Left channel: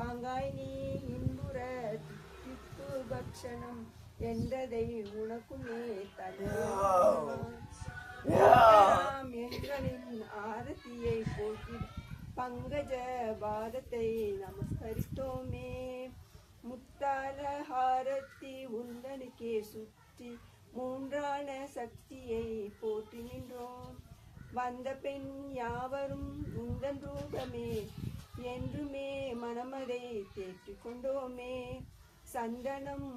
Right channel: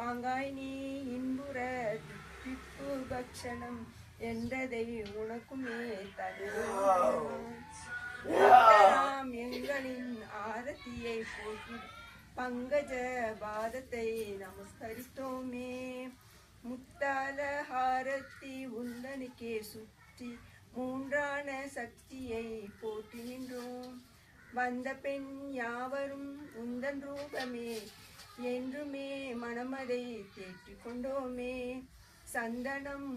பாங்காய் நீ இன்புற திப்பு பக்ஷணம் என்றதை உனக்குமே தந்தாம் எங்களின் ஆரத்தியை போற்றி பங்கஜ பாதத்தை நமஸ்கரித்தோமே. முத்தால ஹாரத்தி உந்தனுக்கே சுற்றி மூன்றான சக்தியை போற்றி நின்றோம். வந்த பெண் யாவரும் உந்தன் ரூபமே என்றுமே மனமதை தேற்றிக் கொண்டோமே. சந்தனம்